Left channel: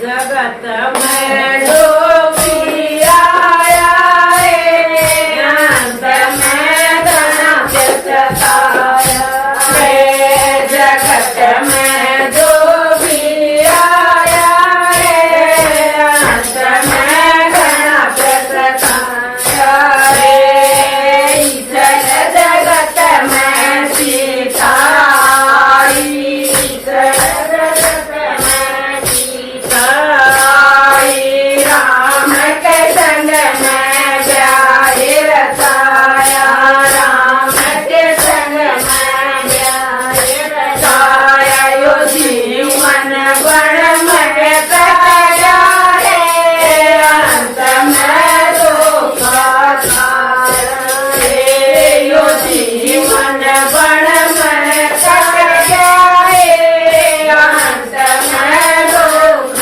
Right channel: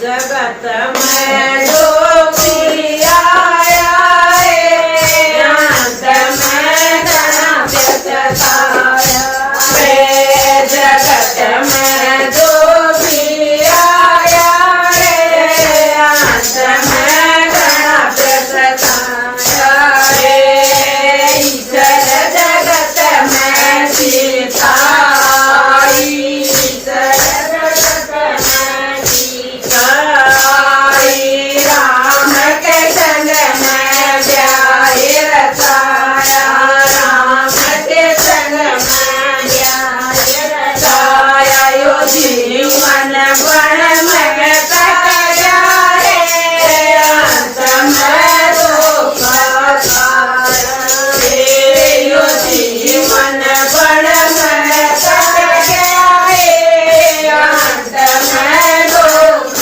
जगत में जोगी आया है, अंत में गणपति सताया है। जगत में जोगी आया है, अंत में गणपति सताया है। ईश्वर जगत में सिखाई, ईश्वर जगत में सिखाई। राम के संग में ब्याहे रचाया, राम के संग में ब्याहे रचाया। यो जीवन बन में तया रे, अंत में दुख रे। यो जीवन बन में तया रे, अंत में दुख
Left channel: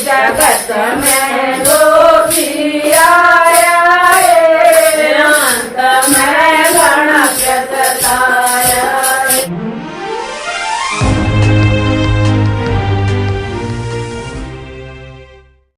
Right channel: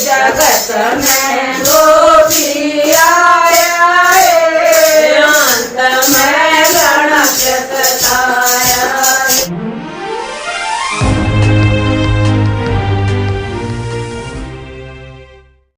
जगत में